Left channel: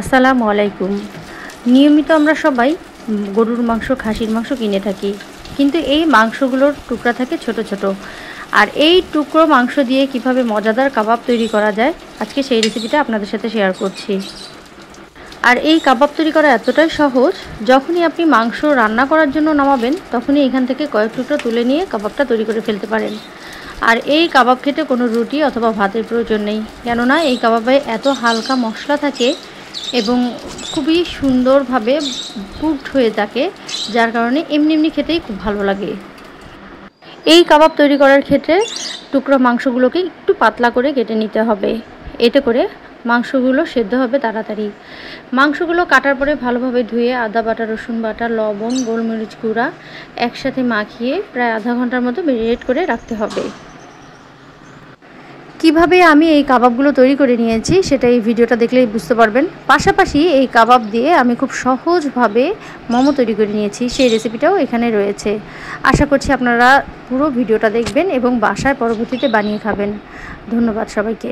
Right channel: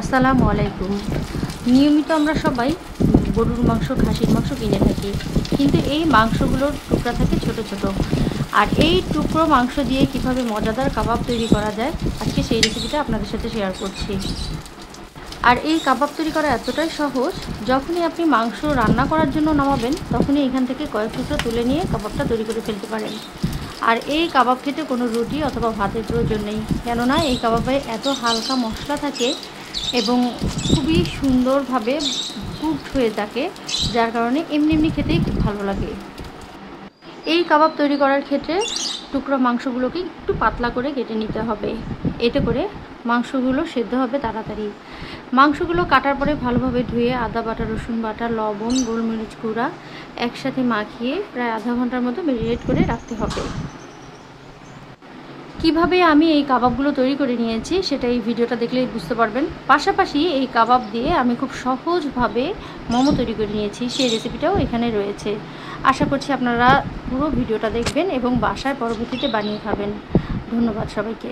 আসসালামু আলাইকুম। নিয়মিত আমরা সবাই গরুর মাংস, খাসির মাংস কিনে থাকি, কিন্তু এই মাংসগুলোর টুকরা থাকে ছোট ছোট। আর এই টুকরো মাংস দিয়ে কিভাবে মজাদার কাবাব তৈরি করা যায়, আজকে সেই রেসিপিটা আপনাদের সাথে শেয়ার করছি। আর এই কাবাব তৈরি করা এতটাই সহজ, যখনই আপনি মাংস রান্না করার জন্য নামাবেন তখনই এখান থেকে কয়েক টুকরো তুলে নিয়ে কাবাবটা তৈরি করে ফেলতে পারেন। আর এই কাবাব খেতে কোনো রুটি অথবা ভাতের প্রয়োজন নেই, কেননা এই কাবাবে এত হালকা মশলা থাকে এবং খুবই সুন্দরভাবে কুকড হয়ে থাকে, যার কারণে এমনি এমনি খেতেই খুব ভালো লাগে। এই কাবাব তৈরি করার ক্ষেত্রে টুকরো মাংসগুলোকে একটু পাতলা করে কেটে নিতে হবে, এতে করে মাংসগুলো সেদ্ধ হবে তাড়াতাড়ি। মাংসগুলো কাটার পরে ভালোভাবে ধুয়ে আদা বাটা, রসুন বাটা, লবণ, গোলমরিচ গুঁড়া একসাথে মাখিয়ে প্রায় আধা ঘন্টার মতো ম্যারিনেট করে রাখতে হবে। কিভাবে আমি এই কাবাবগুলো তৈরি করে নিয়েছি সেটা এই ভিডিওটা দেখলেই বুঝতে পারবেন। পাশাপাশি এই কাবাব দিয়ে আমি খুব সহজভাবে মোমো তৈরি করে নিয়েছি, সেই রেসিপিটাও এখানে রয়েছে। আশা করছি আপনারা পুরো ভিডিওটা দেখবেন এবং বাসায় পরবর্তীতে বানিয়ে খাবেন। ধন্যবাদ সবাইকে।